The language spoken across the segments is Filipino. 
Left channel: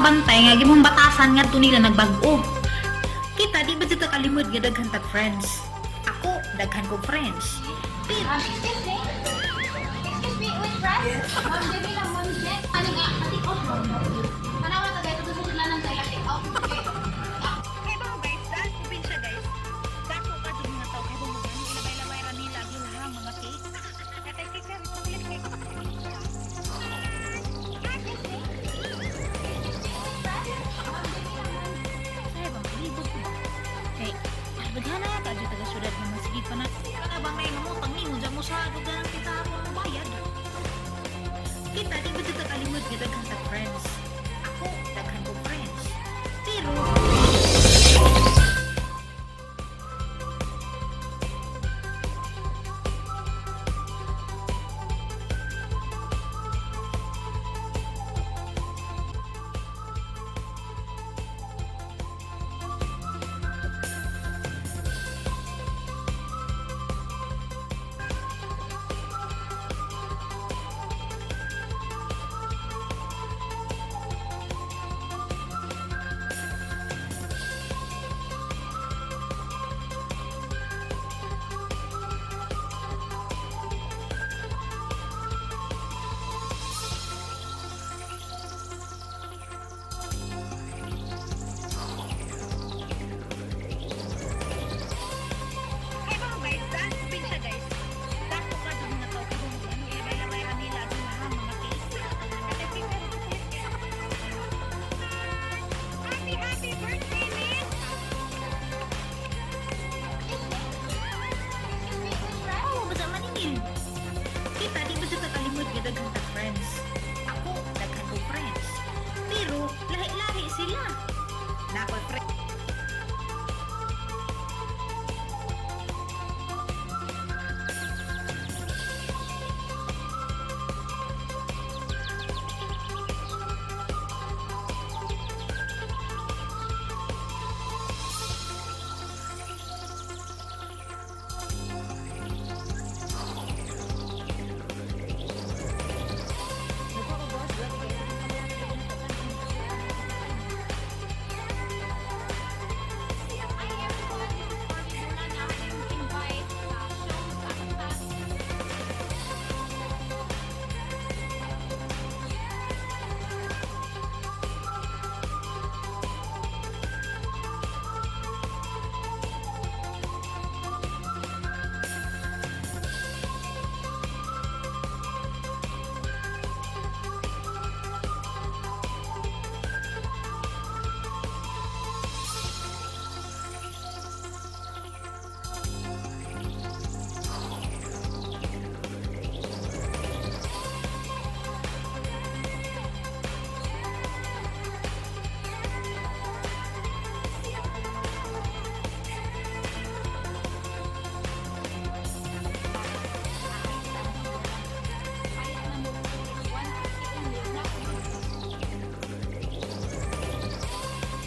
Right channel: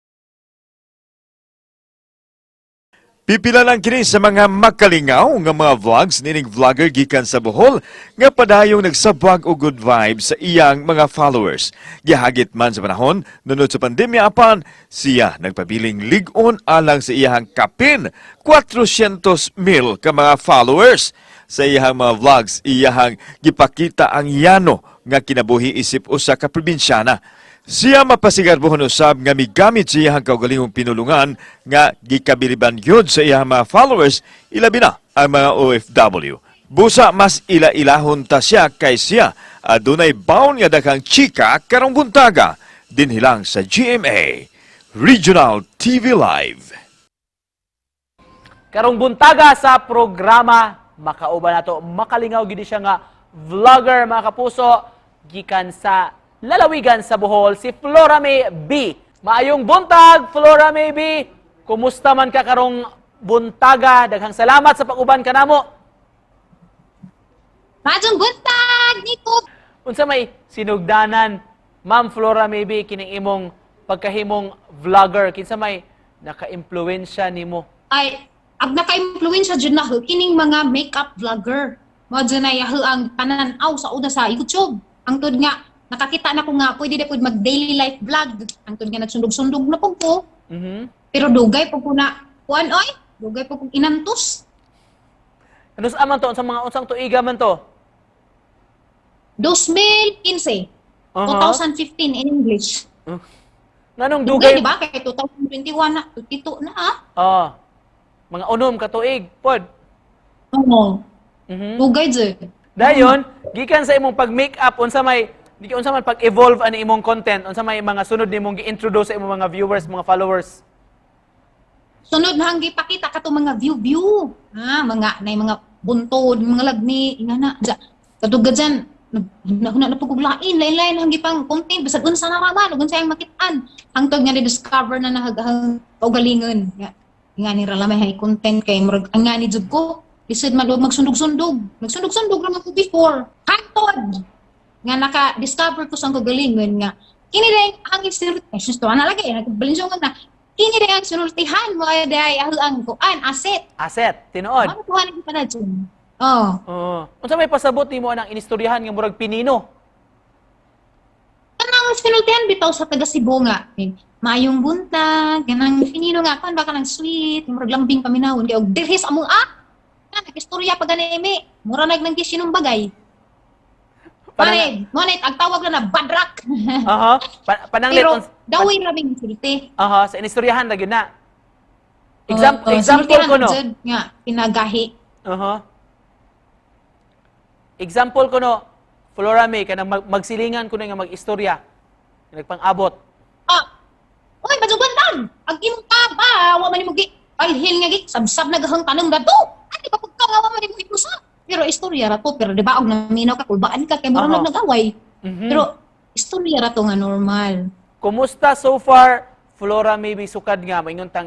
makabantay nga gimong batasan nga nila nagbag-o. Pipila lang kini sa mga makalingaw nga mga vlogs nining vlogger gikan sa Bohol nga padayong nagsabwag og good vibes sa iyang mga followers. Gihagit man sa panahon nunod sa pandemya apan siya nagpabiling lig-on alang sa iyang kapin 400,000 ka mga followers. Sa iyang mga vlogs iyang gipakita ang yano nga kinabuhi isip usa ka probinsyana. Siya mapasigarbohon usab nga migamit sa iyang kaugalingong pinulungan nga gikabiliban yun sa iyang mga followers, ilabi na ang mga OFW. Busa mas ila-ilahon ta siya kay siya adunay baon nga daghang chika karong buntaga dinhilang sa GMA Regional TV Live. Karong buntaga sa programa makauban nato makalingaw gid siya nga vlogger mga kapuso gikan sa lalawigan sa Bohol si Flora May B. Maayong buntag Flora May B. Kumusta man ka karong buntaga? Daghang salamat sa pag-uban kanamo. Majong buntag, Nico! Unsa may sinugdanan Ma'am Flora May B kining imong pagkahimong vlogger kinsa may naka-impluwensya nimo? Ay, ag naka-impluwensya dyan na kining mga makeup vlogger. Mga dyan na yaho ang pananaw sa una sa YouTube. Ang tod nga, nakakita na ko nga, pwede na po mag-daily life vlog. Ang tod nga, nagsundog-sundog na po ko. Pero dugay po ko na, kuan oy, dugay po ko inantos. Ano sa man to? Sa mga usang tuiga man to? 2015, 2015 in English. Nanong Dugay, dugay? di ba? Kaya 2021 na, ito na ha? Oo. Mga unom ka tuig. Pod. Oo. Dugay dyan. Dayon, gikan sa imong pag-makeup unsa may man pag-evolve ani imong content, unsa may mga sunod nimong gi-introduce sa imong mga viewers, mga followers. Sunod na hanggi pakita ka to mga view. Ha, mga nay mga buntod, mga lagni, ingana. Kadugad dyan, na paguglain, lain-lain hanggi pang content, bisag unsa na raman, unsa ang makitaan. Hangtod nga ni-discover na nahagahang kaugalingon. Nga ni ralamay hay content kay murag ang nga ni jud ko. Isod magsundog-sundog. Magsundog-sundog naman ko before. Hangtod! Nga naka-discover ko sa kaugalingon nga. Kini rin ang isinulti. Susto na lagi, nagbalinsyong na. Kini rin ang sinultihan mo ay ang kuan, asset. Asset, tinuod. Ano kuhan hindi ka na dyan? Oo. Oo. Unsa may pasabot nimo anang inistoryahan nga murag pinino? Kanang sinultihan bitaw sa taga Cebu nga. Mayong buntag, kanang pinino nga kan baka nang sweet, murag lambing paminawon di og dirhis among istorya pa ganimi. Mura nang kisinong bagay. Pare, monit ang tawag na badrak. Aha. Pananglit Pero daway raming sulti. aha, sa inistoryahan ra gyud na. Example ko no. Nga pinagahi. Aha. Example ko no. Flora May kanang magsilingan ko na nga mag-istorya. Nagpang-abot. Oy, bajugantan. Ang imong ba, wa man imong ay hil nga gik sabsab nagahang tanong dato. Ati ba pud nga wa man imong ikusa. Pero istorya ra to, pero di ba og naminaw ka kulbaan ka kay murag nag-away. Pero istorya ra to nga normal. Kumusta so far Flora May sukad nga mainuntang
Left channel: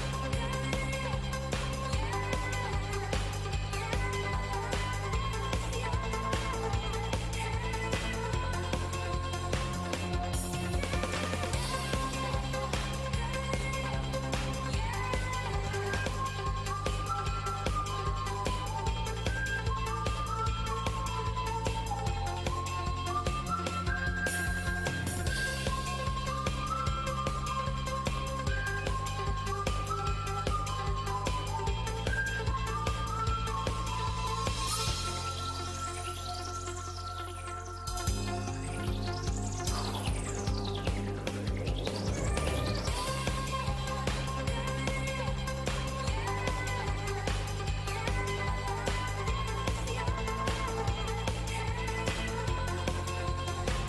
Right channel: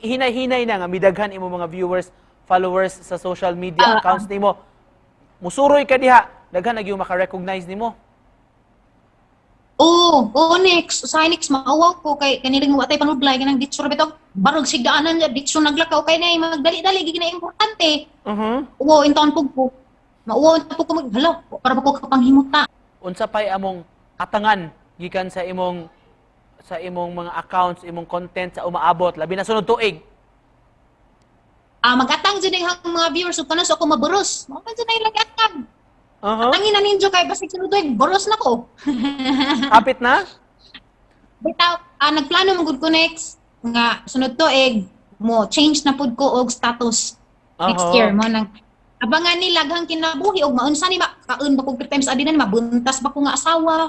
hinay-hinay na nga midaghan imo mga viewers, followers sa social media accounts nimo. Musuroy ka diha, daghan na gyud maka-recognize nimo. Next. Sa next, maawaw ko kay kanilang watay panudlay, kanang ditsura bitaw, barog sigdaanan nga, ditsura naglakaw kay na magdali-dali, gigina importante. Oo, intaon po ko. Mauwaw po ko maghalaw, para ba ko kapanghimuta. Unsa pay among atangan gikan sa imong mga accounts, imong content sa umaabot, labi na sunod tuig. Mag-atang dyan ang mga viewers, so paano so ako maburos? Matang dyan yung lagi-atang. Atangin na ninyo kay basig sunod tuig, boros na ko. Kapit na? Bitaw, nagplano magud ko next nga sunod to mo change na pud ko og status next year mo nang abangan ni laghang kinabuhi og maunsa ni kaon ba kog times adi na mabuntas ba ko nga asawa.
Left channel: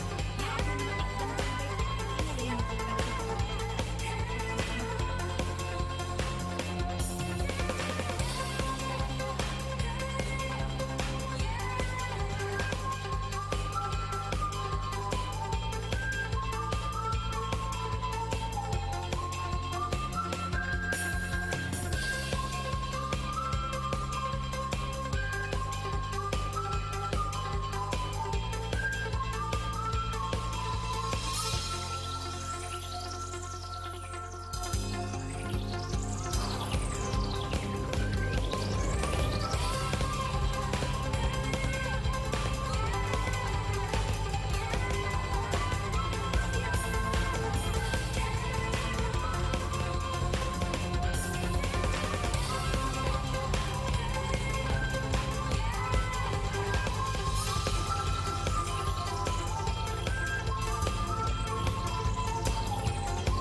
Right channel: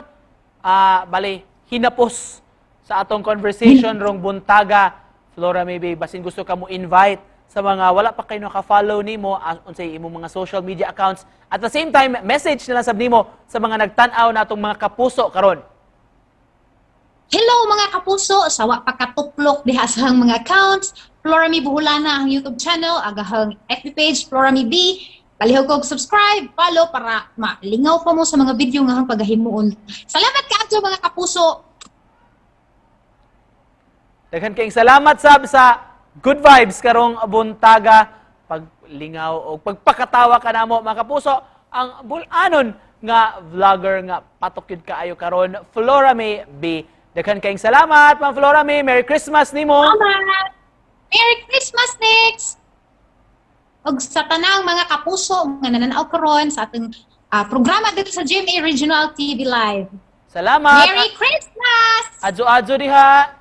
Bali kinapos sa atong conversation rong buntaga Flora May basin gusto ka mo invite sa mga wala pa kayo naka-follow nimo ang unsay imong mga social media accounts at the same time message na lang sab nimo sa mga nagtan-aw natong mga kapuso karon. Hello mga kapuso, sawa pagkatuplok diha sa mga accounts. Flora May Buholana ang YouTube channel, agahang FB page Flora May B. Palihog kog subscribe, follow para malingaw pa mo sa mga video nga pagahimuon. Salamat kaadto mga kapuso. Daghan kayong salamat sab sa good vibes karong buntaga, paglingaw o pagpakatawa ka namo mga kapuso. Ang bulanon nga vlogger nga patokid kaayo karon, Flora May B. Daghan kayong salamat, Ma'am Flora May. Merry Christmas nimo. Salamat! Merry Christmas, Nix! Og sa tanang mga kapuso nga nananaw karon sa atong programa dito sa GMA Regional TV Live. Salamat. Merry Christmas! Adjo-adjo diha.